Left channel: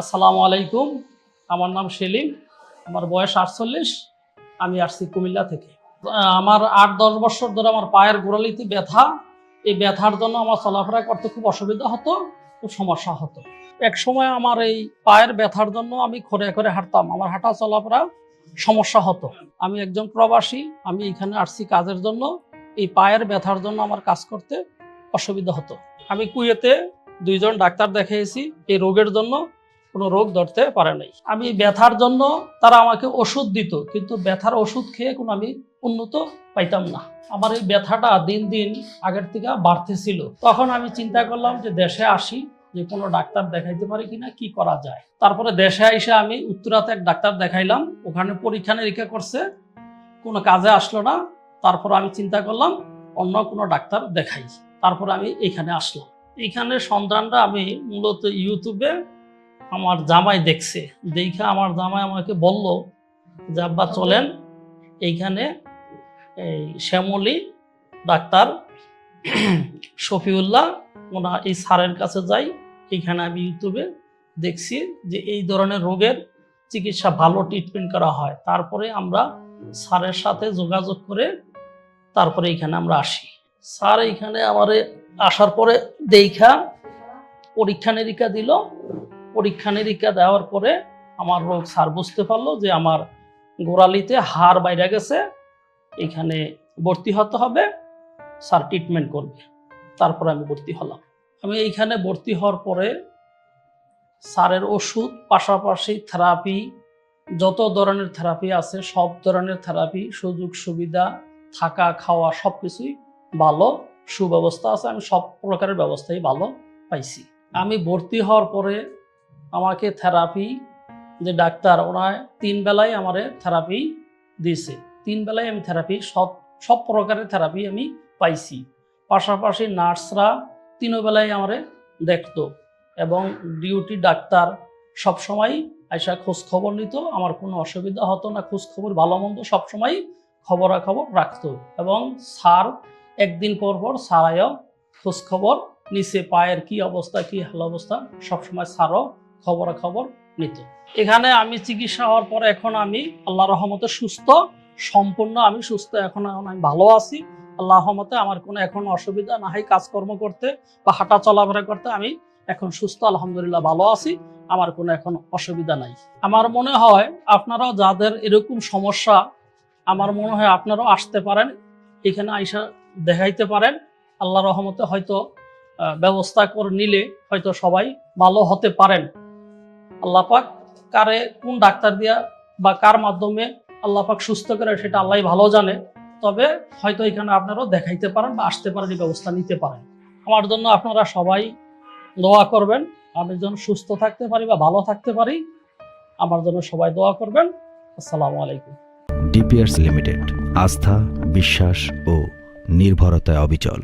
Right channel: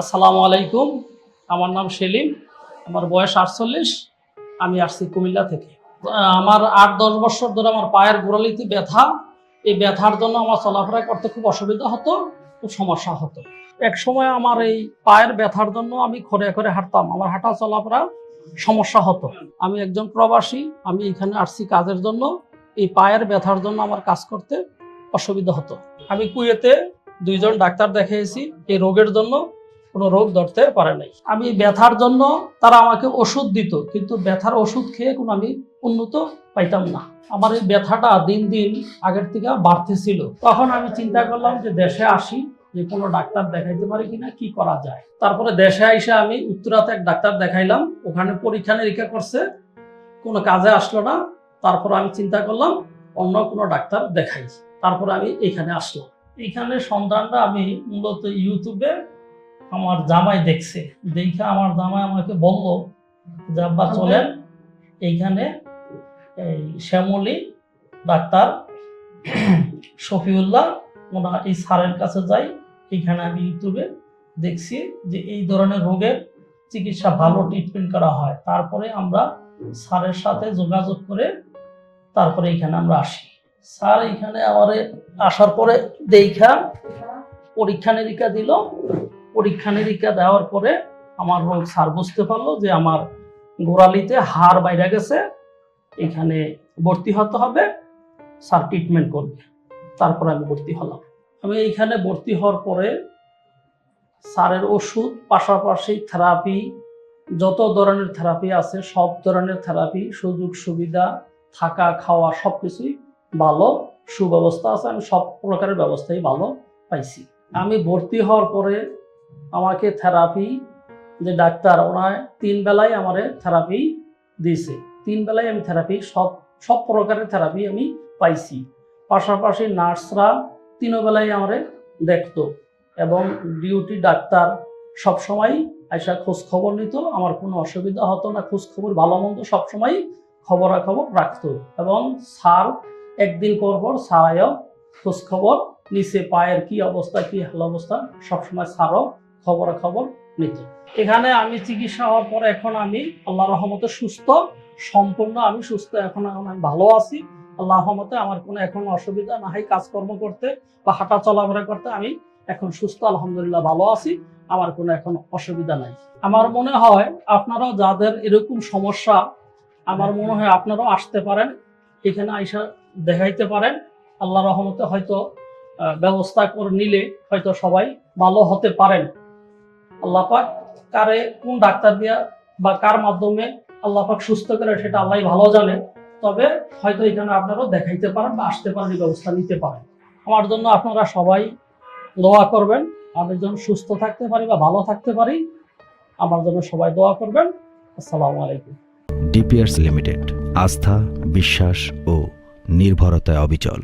আসসালামু আলাইকুম। আমার নাম সেলিম। আমার বয়স আটচল্লিশ। আমি আসছি কুমিল্লা থেকে। আমার আট দশ বছর ধরে আমার পায়ের গোড়ালিতে ব্যথা। এই ব্যথার জন্য আমার চলাফেরা করতে খুব অসুবিধা হতো, খুব সমস্যা হতো। এক সময় আমার এই পায়ের ব্যথার জন্য আমি খরে করে হাঁটতাম। আমার হাঁটা চলাফেরা সমস্যা হতো। আমি একজন প্রবাসী। আমি এখানে আসছি কাজের জন্য। এই পায়ের ব্যথার জন্য আমার কাজ করতে অসুবিধা হতো। আমি কুয়েতে দুইজন ডাক্তার দেখিয়েছি। এই রোগের জন্য কোনো রোগ ধরতে পারে নাই। আমি ব্যথার জন্য তারা আমাকে ওষুধ দিত, কিন্তু ব্যথার ওষুধ খেয়ে কোনো আমি উন্নত পাইতাম না। আমার এই ব্যথাটা দিন দিন আগের থেকে বাড়তেছিল। তখন আমি চিন্তা করলাম যে দেশে আসি, যে কোনো ডাক্তার দেখাইতে পারি কিনা, কি করা যায়। তারপরে দেশে এসে আমি উত্তরাতে এক ডাক্তার দেখাইলাম, ওখানে পরীক্ষা নিরীক্ষা করছে, কোনো কাজে আসলো না। তারপর আমি চিন্তা করলাম, অন্য কোনো ডাক্তার দেখাই। তারপর আমি এখানে আসলাম। এখানে সন্ধানটা আমি মূলত ইউটিউবে আমার জামাই দেখছে। দেখে আমার জামাই আমাকে বলল যে আব্বা চলেন। এইখানে এই শ্যামলী ডাক্তার শফিউল্লাহ ওনা এই স্যারের কাছে যাই। এখানে আমি ইউটিউবে দেখছি যে এই ধরনের রোগের চিকিৎসা ভালো ট্রিটমেন্ট করা হয়। তারপরে আমরা স্যারের সাথে যোগাযোগ করে তারপরে এখানে আমরা আসি। স্যার এখানে আমার আসার পরে দেখা পরীক্ষা নিরীক্ষা দিল। পরীক্ষা নিরীক্ষা দেওয়ার পরে আমার রোগ স্যার বুঝতে পারল যে আমার গোড়ালিতে হাড় বাইরে গেছে, এখানে ভর্তি হতে হবে, স্যার ট্রিটমেন্ট করবে। তারপরে আমি ভর্তি হলাম। আমি এইখানে ভর্তি হওয়ার পরে স্যারের ওষুধ, পাশাপাশি থেরাপি যত ধরনের থেরাপি আছে, সব ধরনের থেরাপি সুযোগ সুবিধা, থাকা, খাওয়া, সব কিছুই ভালো, সুব্যবস্থা আছে, আমি সব প্রকারের ব্যবস্থাই ভালো পাইছি। আমি ভর্তি হওয়ার পরে আমাকে থেরাপি যে ডাক্তার ওরা তিন বেলায় আমারে থেরাপি দিয়েছে। তিন বেলায় আমি থেরাপি সব সব প্রকারের থেরাপি আমি পাইছি। পাশাপাশি নার্সরা তিনও বেলায় আমারে দেখতো এবং ডিউটি ডাক্তার সবসময় আইসা খোঁজ খবর নিত, আমার কোনো অসুবিধা হতো না খোঁজ খবর ভালো মন্দ সবসময় খবরাখবর রাখতো এবং স্যার একদিন পর পর স্যারাইও খোঁজ খবর নিচে পায়ের কি অবস্থা, কি হাল অবস্থা, সবসময় স্যারও খবরাখবর নিত। এখানে আমি চিকিৎসা হওয়ার পর এখন আমি আল্লাহ রহমতে সুস্থ, সম্পূর্ণ আমি সুস্থ, এখন আমি ভালো আছি। আল্লাহ রহমতে আমার কোনো এখন অসুবিধা না হয় কাজকর্ম করতে বা হাঁটা চলাফেরা করতে আমি এখন সুস্থ, আলহামদুলিল্লাহ ভালো আছি, আমার কোনো এখন অসুবিধা নাই। আমার মনে হয় আপনারাও যাদের এরকম সমস্যা, আমার মনে হয় আপনারাও আসতে পারেন, এখানে আইসা দেখাইতে পারেন। আল্লাহ রহমতে হয়তো ব্যবস্থা করে নিলে হয়তো সবাই ভালো হতে পারেন। আল্লাহ পাক কারে কোন ডাক্তার দিয়া বা কার মাধ্যমে আল্লাহ পাক সুস্থ করে সেটা আল্লাহ ভালো জানে, তবে হয়তো এখানে আপনারাও দেখাইতে পারেন বা আসতে পারেন, এই ব্যবস্থা নিতে পারেন। আমার জন্য আপনারা সবাই দোয়া করবেন, আমাদের জন্য সুস্থ থাকতে পারি বা ভালো থাকতে পারি, আমার জন্য সবাই দোয়া করবেন। আসসালামু আলাইকুম। ডিপিআরস লিমিটেড, আস্থা, বিশ্বাস ও নির্ভরতায় অবিচল।